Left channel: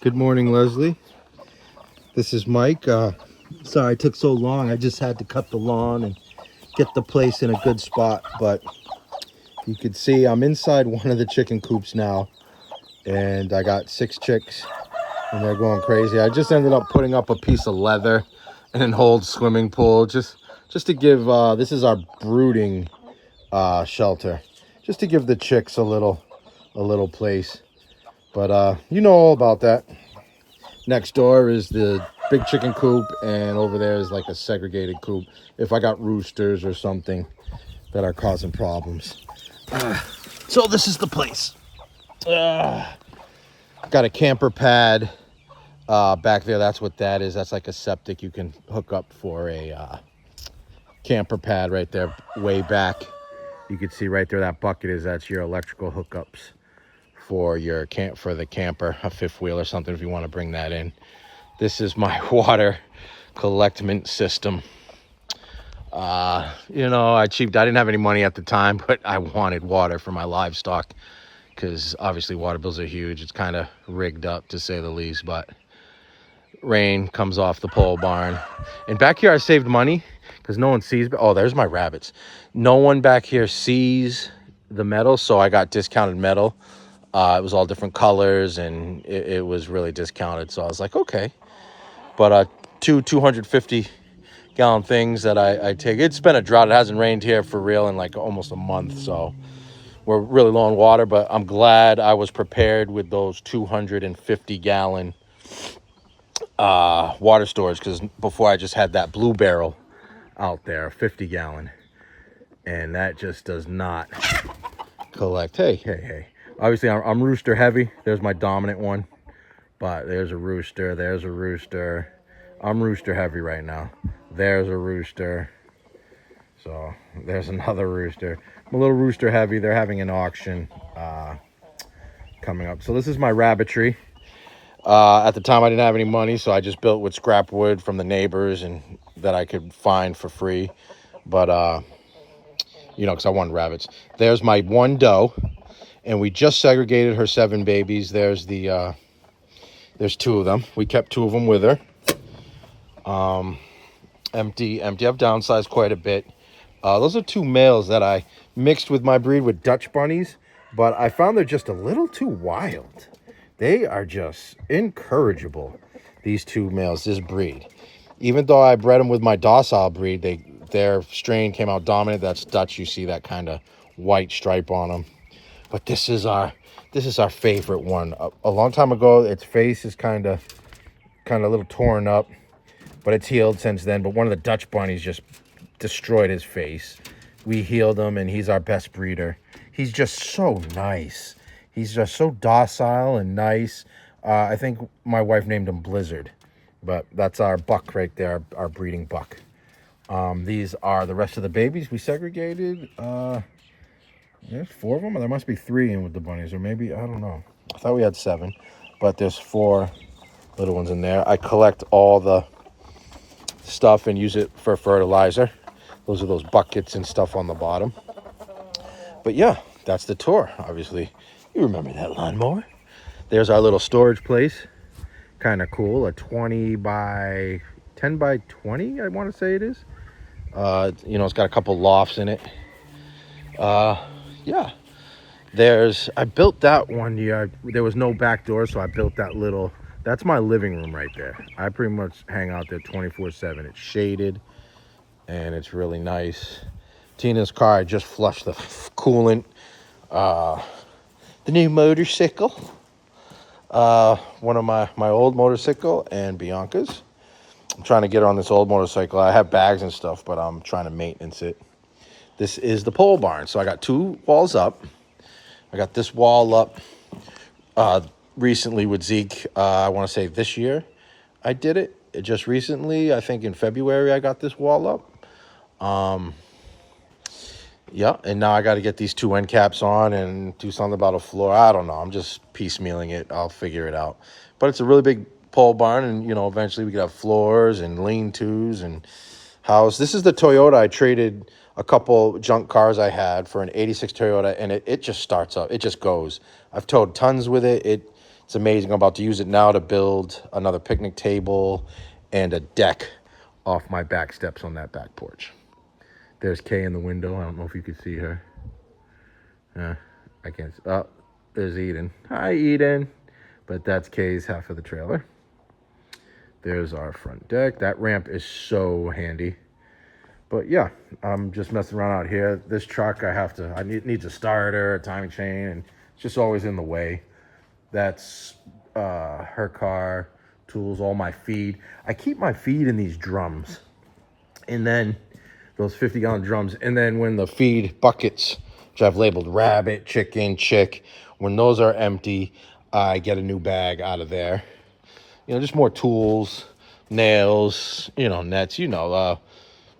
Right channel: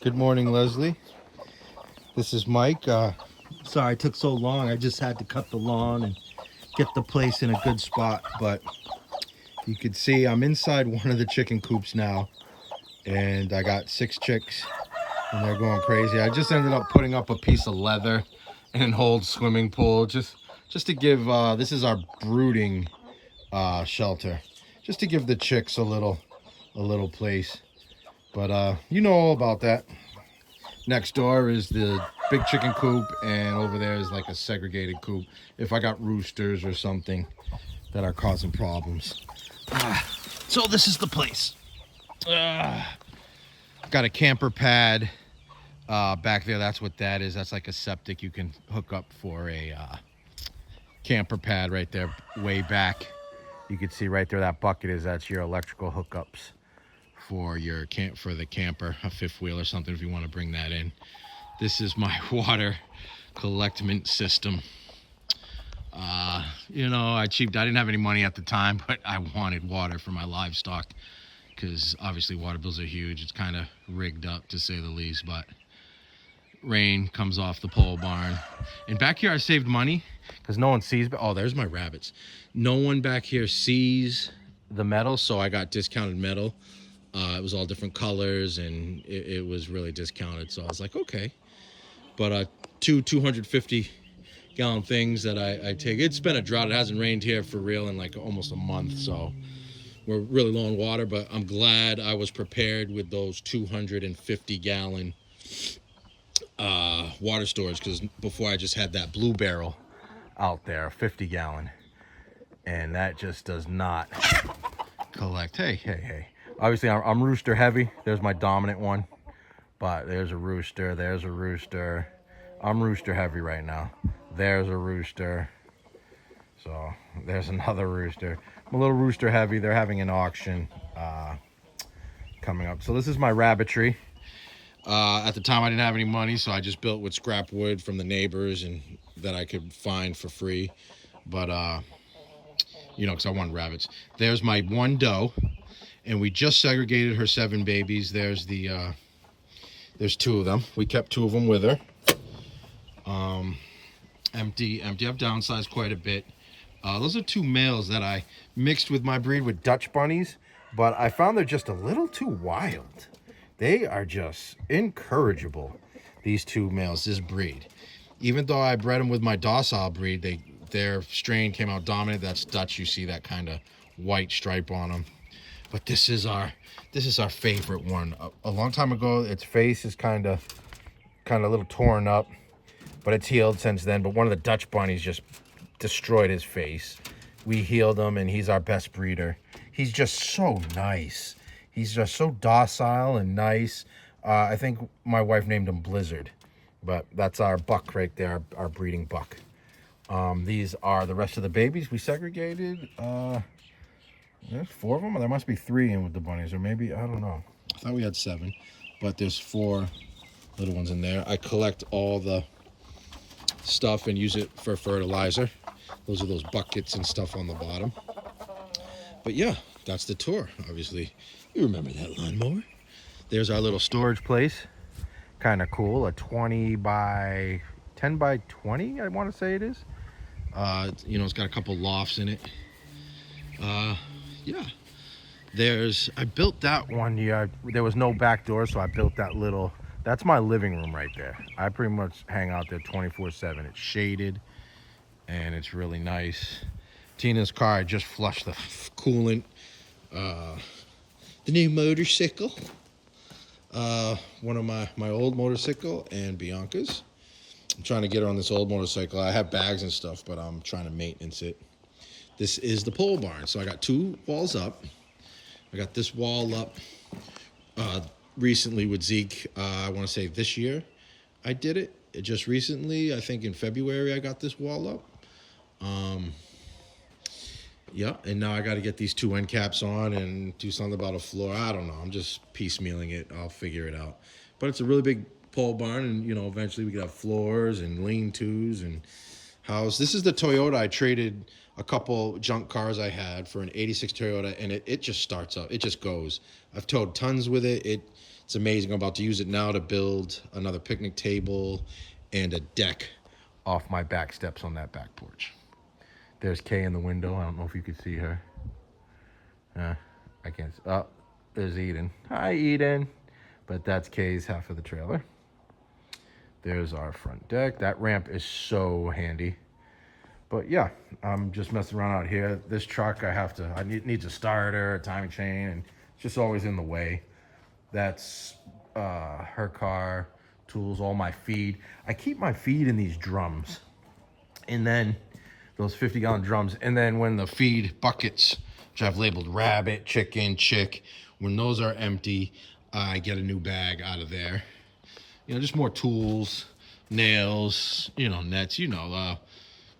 Good morning, Leslie. This is Mike. Sorry it took so long. I just had to cut the lawn and get the place in a good spot. But you can see I'm inside one of the chicken coops now, and I got 6 chicks, and they're going crazy. I just ended up putting up a piece of leather and an old swimming pool, just to give. This is our brooding shelter, just to give the chicks a little place. But you know all about that. Next door is the big chicken coop, and over there is like a segregated coop if I got roosters or something that are causing problems. So this is the place. Got a camper pad back there. That's what that is. That's like a septic you can hook up for a camper pad right there way back. You can see right there that bucket is. That's your electrical hookups for your for the camper, a fifth wheel or something if you want to bring that in. This is my water collectment system. I didn't have any money at the time, but I wanted water for my livestock because obviously water bills are huge. It's kind of rigged up to say the least, but rain comes off the pole barn. And back here I saved money because no one sees. Oh, there's my rabbits. No one back here sees the metal, so I got discounted metal. It was all different colors, and it was really discounted. So I was like, okay. But two 250-gallon things that I take. It's been a drought. It hasn't rained here for real in like almost a month. So we're really low on water, but I'm glad I was prepared with those 250-gallon water storage, because before I just had that blue barrel out there, 50-gallon. And that just does not collect. Hey. Obviously, I'm rooster heavy. There's my dominant one. But there's a rooster. There's a rooster. I'm rooster heavy right now. There's a rooster. So there's another rooster. I'm a little rooster heavy. They're having an auction coming up. So this is my rabbitry. At the time, I didn't have any money, so I just built with scrap wood from the neighbors and that I could find for free. But, because I wanted rabbits. There's my one doe. And we just segregated her 7 babies. There's 2 of them. We kept 2 of them with her. Empty. I've downsized quite a bit. Those are 2 males that I mixed with my breed with Dutch bunnies, but I found they're just a little too wild. They are just incorrigible, these 2 males, this breed. Even though I bred them with my docile breed, their strain came out dominant. That's Dutch. You see that kind of white stripe on them. But this is our favorite one. A long time ago, its face is kind of a little torn up, but it's healed since then. But one of the Dutch bunnies just destroyed his face. We healed him, and he's our best breeder. He's just so nice. He's just so docile and nice. I think my wife named him Blizzard, but that's our buck right there, our breeding buck. These are the rest of the babies we segregated. There's 4 of them, or there must be 3 in with the bunnies, or maybe, I don't know. I thought we had 7, but there's 4 little ones in there. I collect all the stuff and use it for fertilizer. Those are those buckets and stuff on the bottom. But yeah, that's the tour. Obviously, you remember that lawnmower. There's our little storage place. Kind of cool. A 10 by 20, I want to say it is. It's got a couple lofts in it. Yeah, I built that one year. There was no back door, so I built that's my living room right there. I pretty much hang out there 24/7. It's shaded, and it's really nice. Tina's car, I just flushed the coolant. The new motorcycle. One of my old motorcycle and Bianca's. I'm trying to get her on this old motorcycle. I have bags and stuff, but I'm trying to maintenance it. This is the pole barn. So I got 2 walls up. I got this wall up recently with Zeke. I want to say this year I did it. Just recently, I think in February, I got this wall up. Yeah, and now I got to get these 2 end caps on and do something about a floor. I don't know. I'm just piecemealing it. I'll figure it out. But it's a really big pole barn, and, eventually we could have floors and lean-tos and house. This is the Toyota. I traded a couple junk cars I had for an 86 Toyota, and it just starts up. It just goes. I've towed tons with it. It's amazing. I'm about to use it now to build another picnic table and a deck off my back steps on that back porch. There's Kay in the window. I don't know if you can see her. I can't. Oh, there's Eden. Hi, Eden. But that's Kay's half of the trailer. There's our front deck. That ramp is so handy. But yeah, I'm just messing around out here. This truck, I needs a starter, a timing chain, and it's just always in the way. That's her car, tools, all my feed. I keep my feed in these drums, and then those 50-gallon drums. And then when the feed buckets, which I've labeled rabbit, chicken, chick, when those are empty, I get a new bag out of there. You know, just more tools, nails, you know, nets, you know,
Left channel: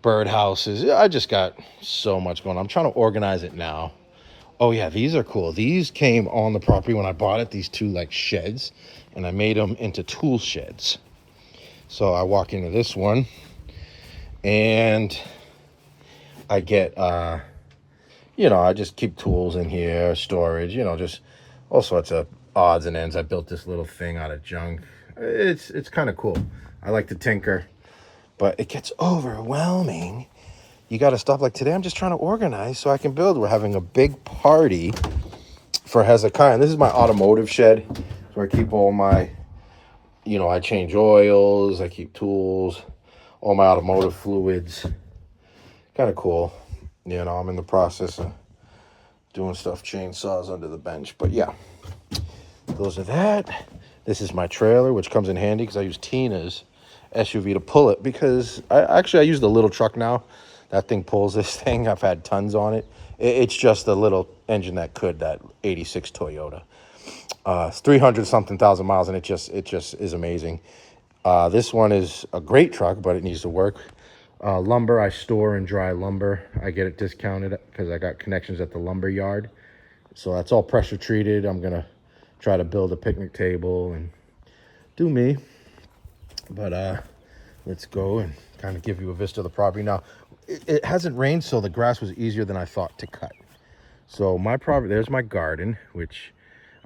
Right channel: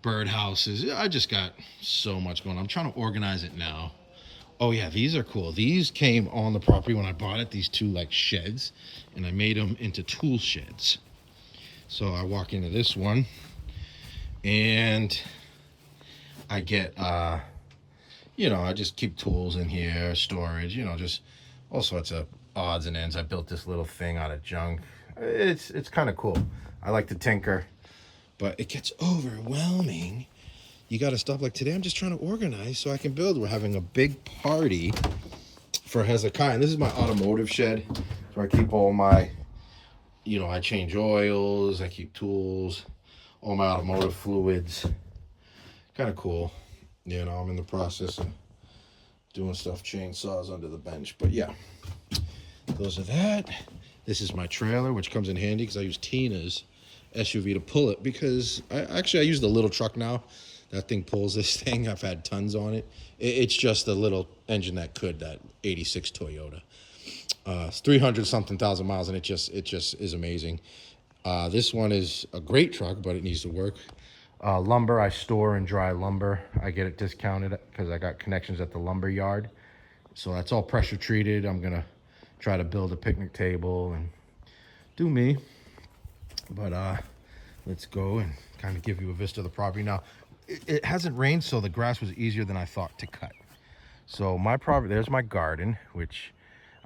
bird houses. I just got so much going on. I'm trying to organize it now. Oh yeah, these are cool. These came on the property when I bought it, these two like sheds, and I made them into tool sheds. So I walk into this one and I get, you know, I just keep tools in here, storage, you know, just all sorts of odds and ends. I built this little thing out of junk. It's kind of cool. I like to tinker, but it gets overwhelming. You got to stop. Like today, I'm just trying to organize so I can build. We're having a big party for Hezekiah. And this is my automotive shed where I keep all my, you know, I change oils, I keep tools, all my automotive fluids. Kind of cool. You know, I'm in the process of doing stuff, chainsaws under the bench. But yeah, those are that. This is my trailer, which comes in handy because I use Tina's SUV to pull it, because I use the little truck now. That thing pulls this thing. I've had tons on it. It's just the little engine that 86 Toyota. It's 300 something thousand miles, and it just is amazing. This one is a great truck, but it needs to work. Lumber, I store and dry lumber. I get it discounted because I got connections at the lumber yard. So that's all pressure treated. I'm gonna try to build a picnic table and do me. But let's go and kind of give you a vista of the property. Now, it hasn't rained, so the grass was easier than I thought to cut. So my property, there's my garden, which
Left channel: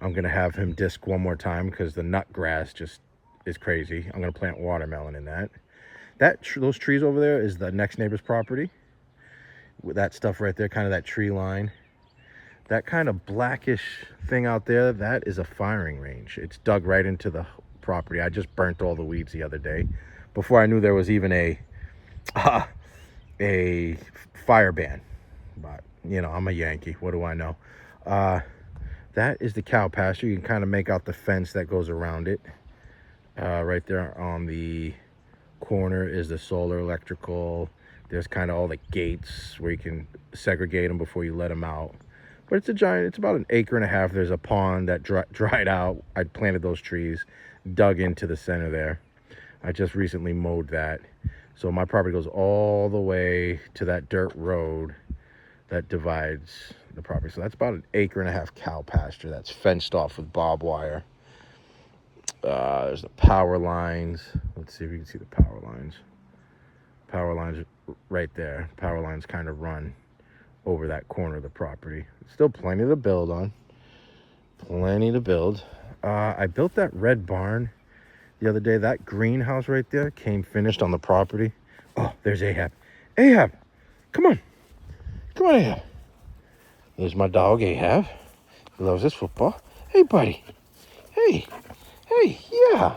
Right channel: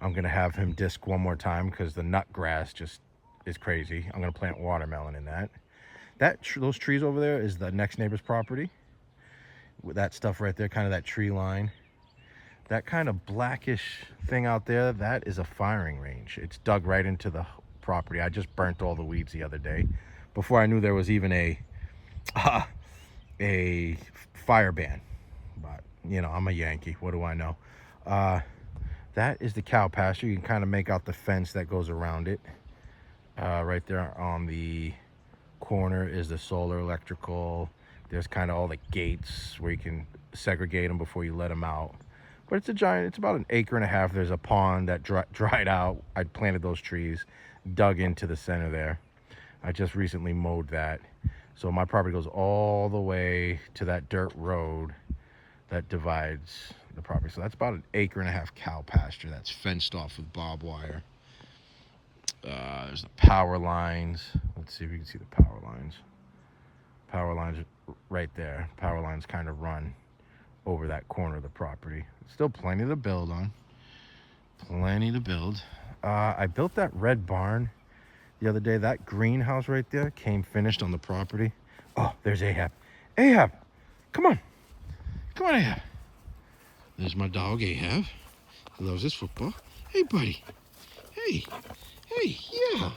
I'm gonna have him disc one more time because the nut grass just is crazy. I'm gonna plant watermelon in that. Those trees over there is the next neighbor's property. With that stuff right there, kind of that tree line. That kind of blackish thing out there, that is a firing range. It's dug right into the property. I just burnt all the weeds the other day before I knew there was even a fire ban. But you know, I'm a Yankee, what do I know? That is the cow pasture. You can kind of make out the fence that goes around it. Right there on the corner is the solar electrical. There's kind of all the gates where you can segregate them before you let them out. But it's it's about 1.5 acres. There's a pond that dried out. I planted those trees, dug into the center there. I just recently mowed that. So my property goes all the way to that dirt road that divides the property. So that's about 1.5 acres cow pasture that's fenced off with barbed wire. There's the power lines. Let's see if you can see the power lines. Power lines right there. Power lines kind of run over that corner of the property. Still plenty to build on. Plenty to build. I built that red barn the other day. That greenhouse right there came finished on the property. Oh, there's Ahab. Ahab, come on. Come on, Ahab. There's my dog, Ahab. He loves his football. Hey, buddy. Hey. Hey, yeah.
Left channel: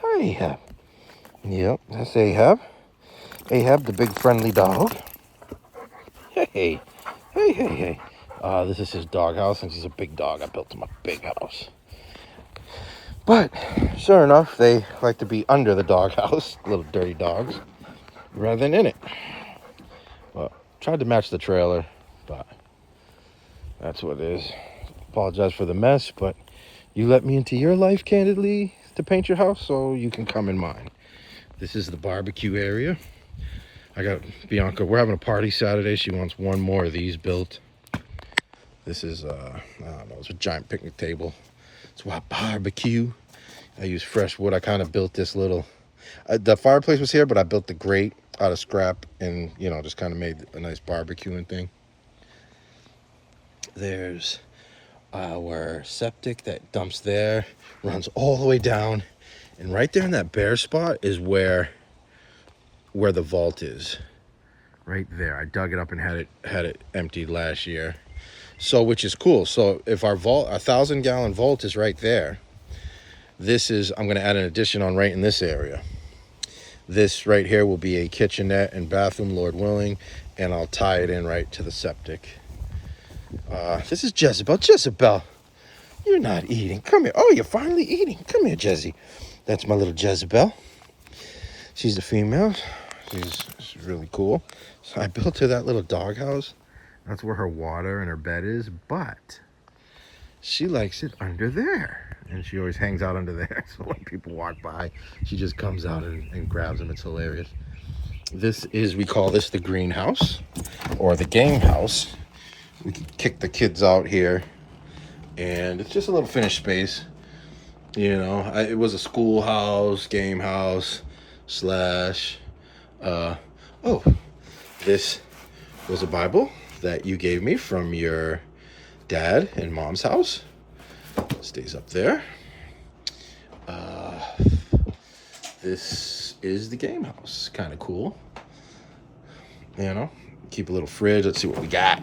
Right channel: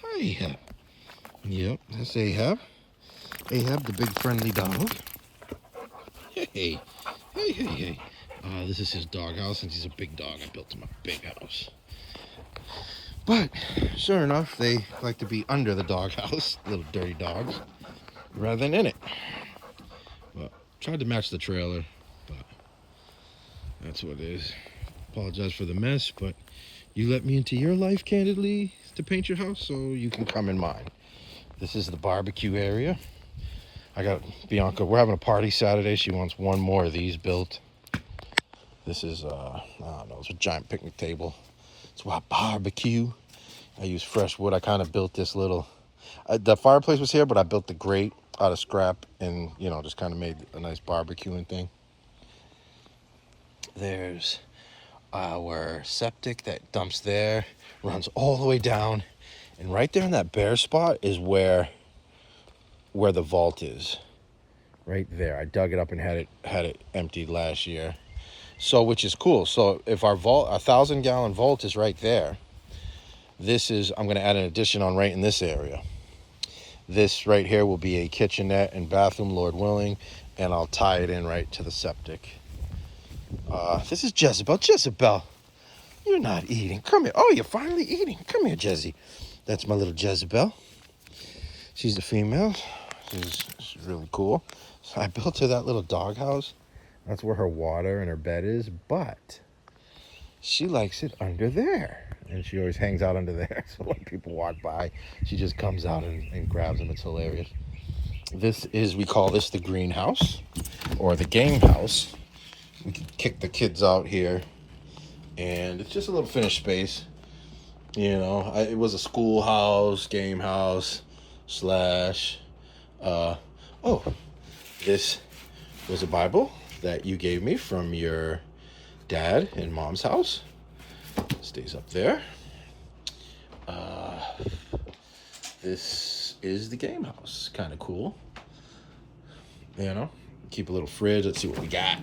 Hi, Ahab. Yep, that's Ahab. Ahab, the big friendly dog. Hey. Hey, hey, hey. This is his doghouse. Since he's a big dog, I built him a big house. But, sure enough, they like to be under the doghouse, little dirty dogs, rather than in it. Well, tried to match the trailer, but that's what it is. Apologize for the mess, but you let me into your life, candidly, to paint your house, so you can come in mine. This is the barbecue area. I got Bianca. We're having a party Saturday. She wants one more of these built. This is, I don't know, it's a giant picnic table. It's a barbecue. I use fresh wood. I kind of built this little, the fireplace was here, but I built the grate out of scrap and, you know, just kind of made a nice barbecuing thing. There's our septic that dumps there, runs all the way down, and right there in that bare spot is where the vault is. Right there. I dug it up and had it emptied last year. So, which is cool. So if our vault, 1,000-gallon vault is right there, I'm going to add an addition on right in this area. This right here will be a kitchenette and bathroom, Lord willing, and I'll tie it in right to the septic. This is Jezebel. Jezebel, you're not eating. Come here. Oh, you're finally eating. Come here, Jezzy. That's my little Jezebel. She's a female. She's really cool. So I built her that little doghouse. That's where her water and her bed is, but she likes it under there. And she always hangs out under there. So when people walk by, she just comes out and grabs them. It's hilarious. We call this the greenhouse or the game house. We could kick the kids out here. And it's just a little finished space. You know, it was a schoolhouse, game house, this was a Bible that you gave me from your dad and mom's house. Stays up there. This is the game house. Kind of cool. You know, keep a little fridge. Let's see what we got.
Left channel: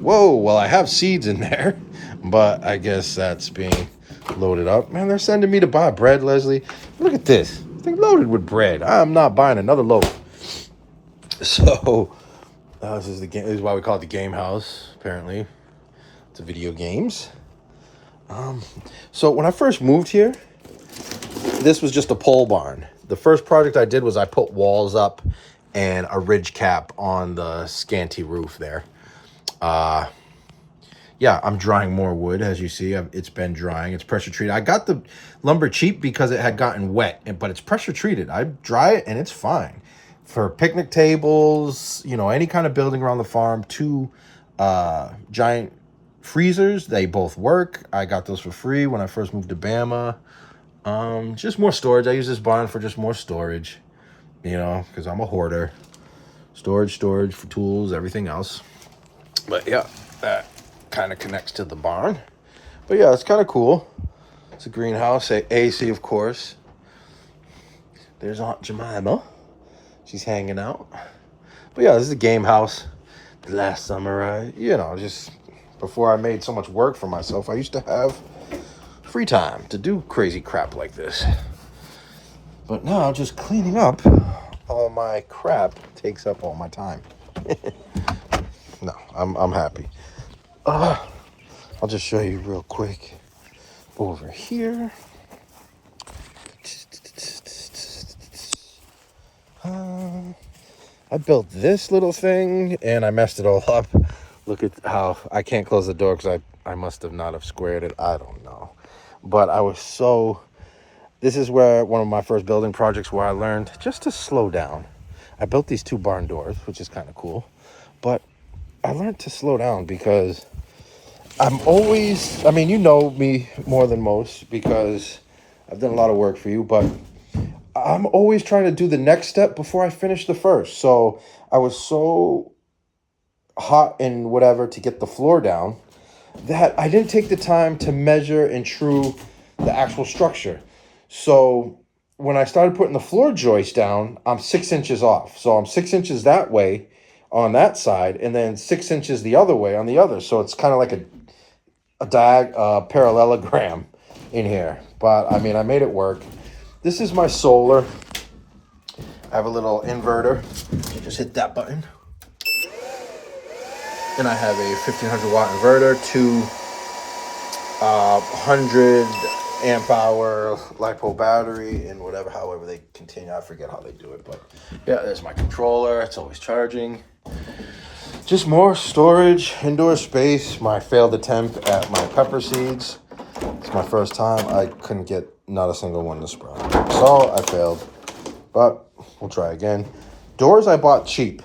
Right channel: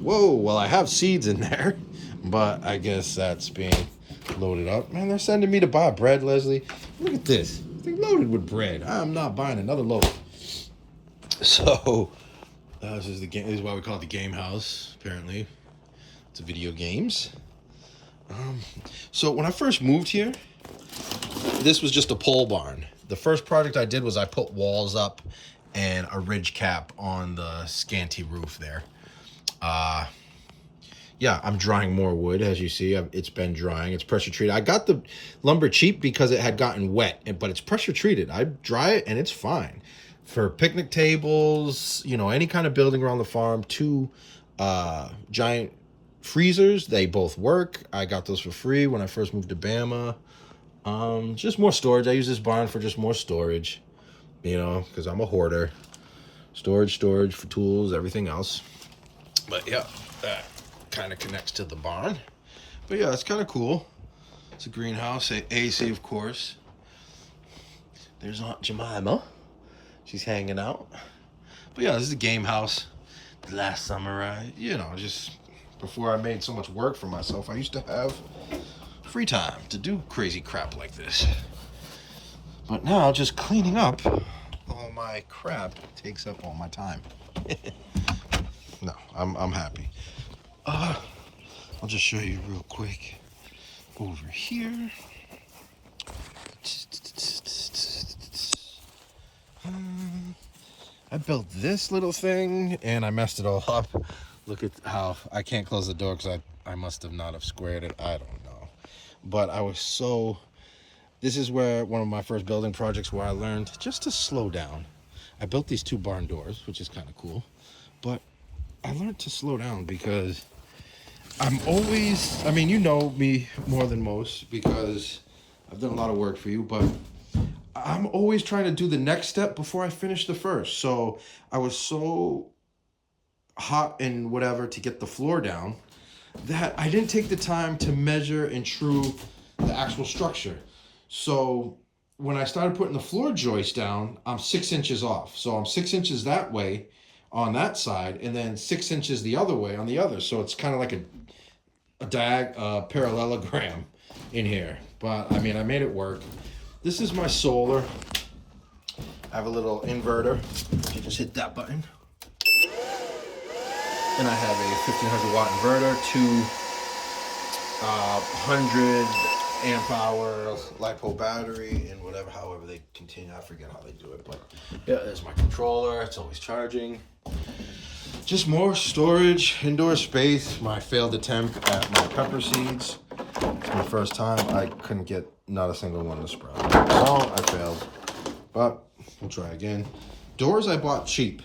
Whoa, well, I have seeds in there, but I guess that's being loaded up. Man, they're sending me to buy bread, Leslie. Look at this. They're loaded with bread. I'm not buying another loaf. So, this is why we call it the game house, apparently. It's video games. So when I first moved here, this was just a pole barn. The first project I did was I put walls up and a ridge cap on the scanty roof there. Yeah, I'm drying more wood, as you see. It's been drying. It's pressure treated. I got the lumber cheap because it had gotten wet, but it's pressure treated. I dry it and it's fine. For picnic tables, you know, any kind of building around the farm, 2 giant freezers, they both work. I got those for free when I first moved to Bama. Just more storage. I use this barn for just more storage, you know, because I'm a hoarder. Storage for tools, everything else. But yeah, that kind of connects to the barn. But yeah, it's kind of cool. It's a greenhouse, AC, of course. There's Aunt Jemima. She's hanging out. But yeah, this is a game house. Last summer, just before I made so much work for myself, I used to have free time to do crazy crap like this. But now just cleaning up all my crap takes up all my time. No, I'm happy. I'll just show you real quick over here. I built this little thing and I messed it all up. Look at how I can't close the door because I must have not have squared it. I don't know. But this is where one of my first building projects where I learned just to slow down. I built these 2 barn doors, which is kind of cool. But I learned to slow down because you know me more than most because I've done a lot of work for you, but I'm always trying to do the next step before I finish the first. So I was so hot and whatever to get the floor down that I didn't take the time to measure and true the actual structure. So when I started putting the floor joist down, I'm 6 inches off. So I'm 6 inches that way on that side and then 6 inches the other way on the other. So it's kind of like a parallelogram in here. But I made it work. This is my solar. I have a little inverter. You just hit that button. Then I have a 1500 watt inverter, 2 100 amp hour LiPo battery, and however they continue. I forget how they do it, but yeah, there's my controller. It's always charging. Just more storage, indoor space. My failed attempt at my pepper seeds. It's my first time. I couldn't get not a single one to sprout. So I failed, but we'll try again. Doors I bought cheap,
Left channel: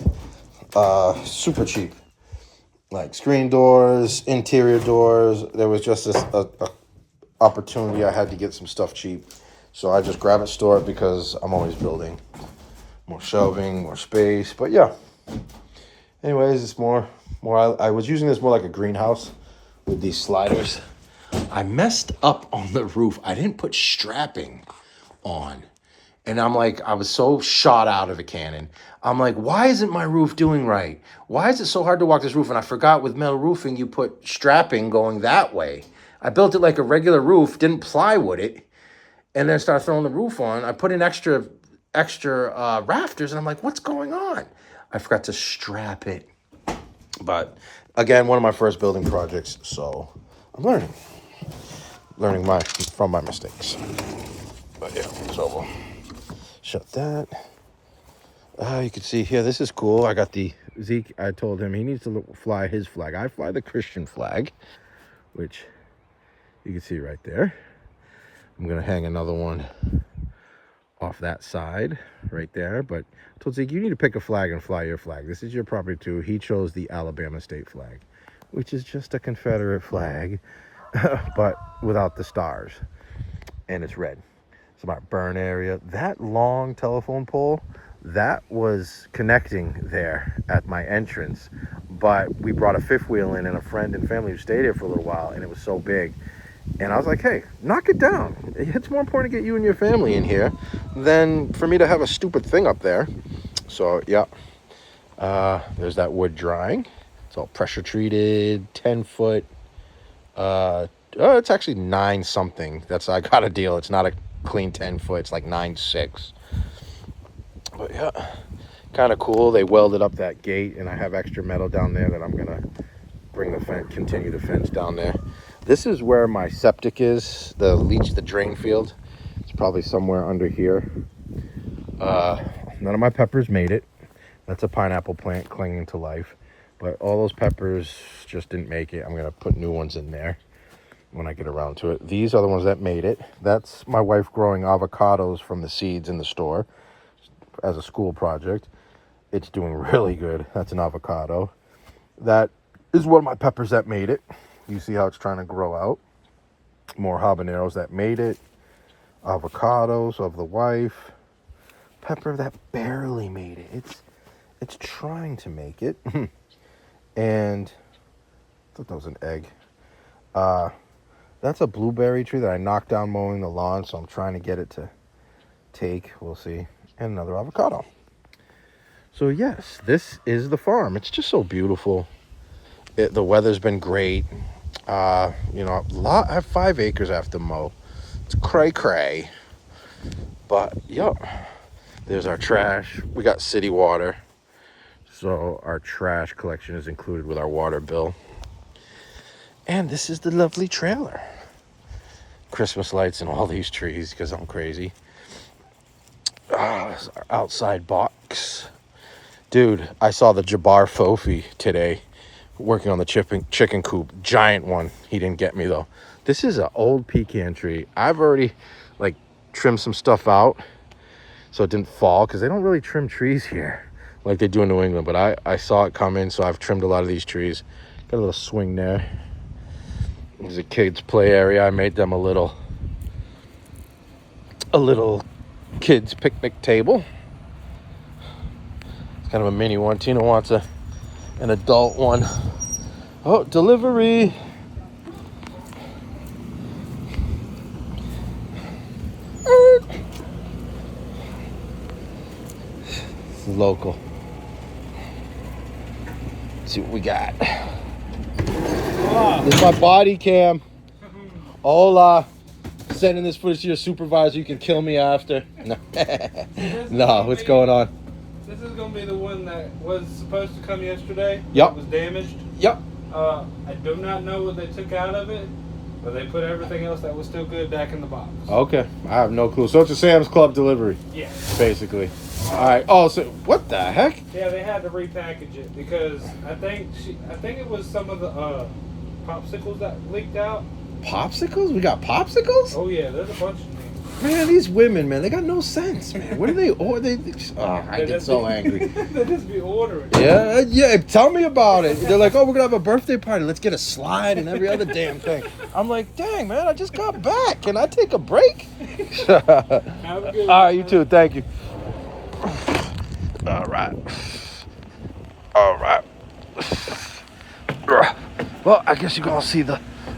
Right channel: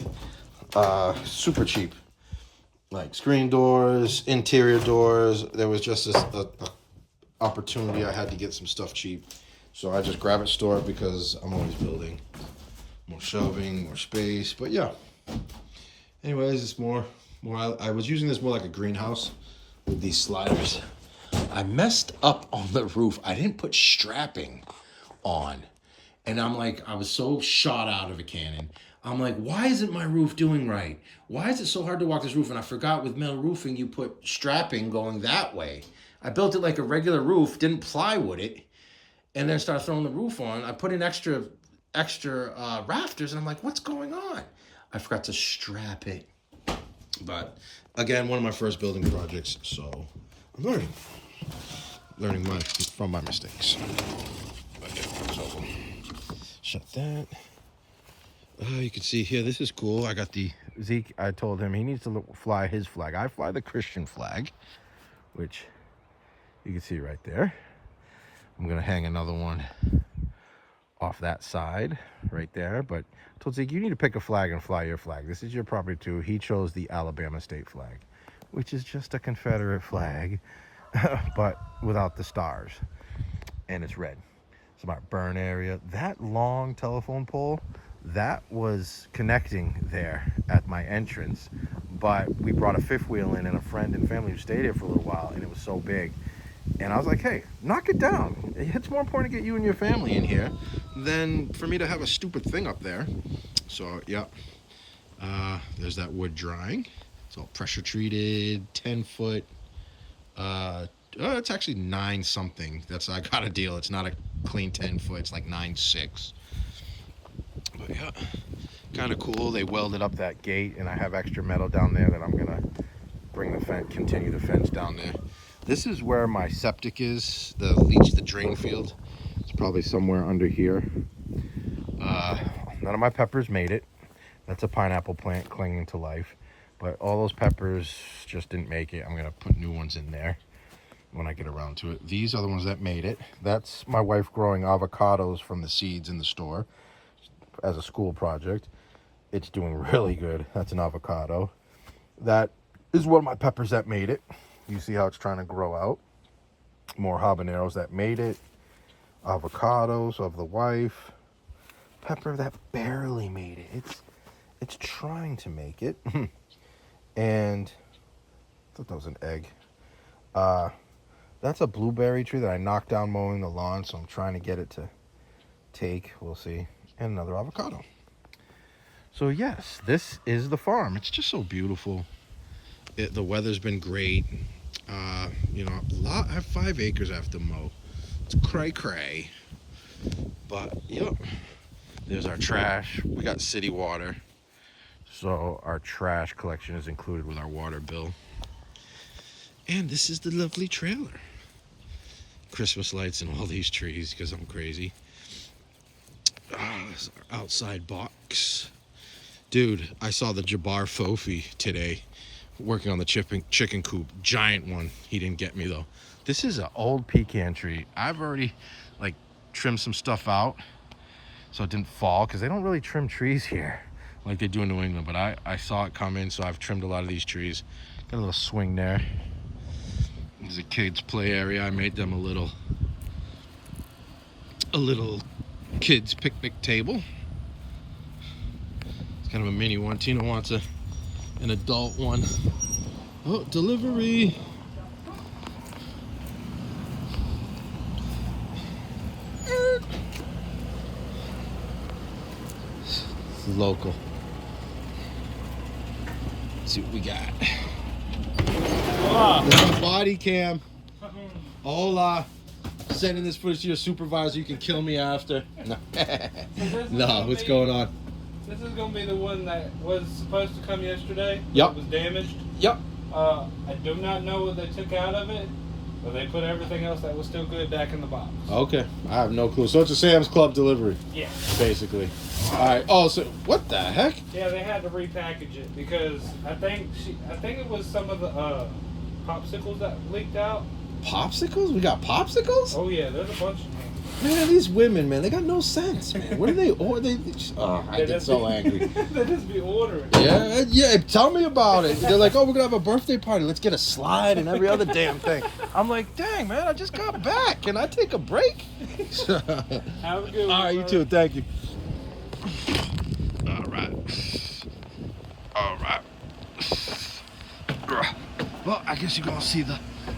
super cheap. Like screen doors, interior doors. There was just a opportunity. I had to get some stuff cheap. So I just grab it, store it because I'm always building. More shelving, more space. But yeah. Anyways, it's more I was using this more like a greenhouse with these sliders. I messed up on the roof. I didn't put strapping on. And I'm like, I was so shot out of a cannon. I'm like, why isn't my roof doing right? Why is it so hard to walk this roof? And I forgot with metal roofing, you put strapping going that way. I built it like a regular roof, didn't plywood it, and then started throwing the roof on. I put in extra rafters, and I'm like, what's going on? I forgot to strap it. But again, one of my first building projects, so I'm learning from my mistakes. But yeah, so shut that. You can see here, this is cool. I got the Zeke. I told him he needs to fly his flag. I fly the Christian flag, which you can see right there. I'm gonna hang another one off that side right there. But I told Zeke, you need to pick a flag and fly your flag. This is your property too. He chose the Alabama state flag, which is just a Confederate flag, but without the stars, and it's red. It's my burn area. That long telephone pole, that was connecting there at my entrance, but we brought a fifth wheel in and a friend and family who stayed here for a little while, and it was so big. And I was like, hey, knock it down. It's more important to get you and your family in here than for me to have a stupid thing up there. So, yeah. There's that wood drying. It's all pressure treated, 10 foot. It's actually 9 something. I got a deal. It's not a clean 10 foot. It's like 9.6. But yeah, kind of cool. They welded up that gate, and I have extra metal down there that I'm gonna continue the fence down there. This is where my septic is, the drain field. It's probably somewhere under here. None of my peppers made it. That's a pineapple plant clinging to life. But all those peppers just didn't make it. I'm gonna put new ones in there when I get around to it. These are the ones that made it. That's my wife growing avocados from the seeds in the store as a school project. It's doing really good. That's an avocado. That is one of my peppers that made it. You see how it's trying to grow out. More habaneros that made it. Avocados of the wife. Pepper that barely made it. It's trying to make it. And I thought that was an egg. That's a blueberry tree that I knocked down mowing the lawn, so I'm trying to get it to take. We'll see. And another avocado. So yes, this is the farm. It's just so beautiful. The weather's been great. I have 5 acres I have to mow. It's cray. But, yep. There's our trash. We got city water. So our trash collection is included with our water bill. And this is the lovely trailer. Christmas lights and all these trees because I'm crazy. This is our outside box. Dude, I saw the Jabbar Fofi today working on the chicken coop. Giant one. He didn't get me though. This is an old pecan tree. I've already trimmed some stuff out so it didn't fall, because they don't really trim trees here like they do in New England. But I saw it coming, so I've trimmed a lot of these trees. Got a little swing there. There's a kids play area. I made them a little kids picnic table. It's kind of a mini one. Tina wants an adult one. Oh, delivery. It's local. Let's see what we got. This is my body cam. Hola. Sending this footage to your supervisor. You can kill me after. No. No, what's going on? This is going to be the one that was supposed to come yesterday. Yep. It was damaged. Yep. I do not know what they took out of it, but they put everything else that was still good back in the box. Okay. I have no clue. So it's a Sam's Club delivery. Yeah. Basically. All right. Oh, so what the heck? Yeah, they had to repackage it because I think it was some of the popsicles that leaked out. Popsicles? We got popsicles? Oh yeah, there's a bunch of them. Man, these women, man, they got no sense, man. What do they order? I get so angry. They just be ordering. Yeah, tell me about it. They're like, oh, we're going to have a birthday party. Let's get a slide and every other damn thing. I'm like, dang, man, I just got back. Can I take a break? Have a good one. All right, you too. Thank you. All right. Well, I guess you can all see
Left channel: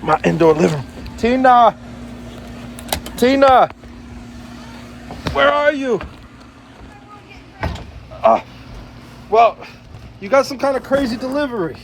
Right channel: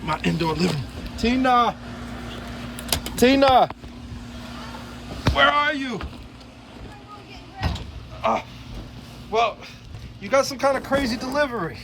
my indoor living room. Tina, where are you? Well, you got some kind of crazy delivery.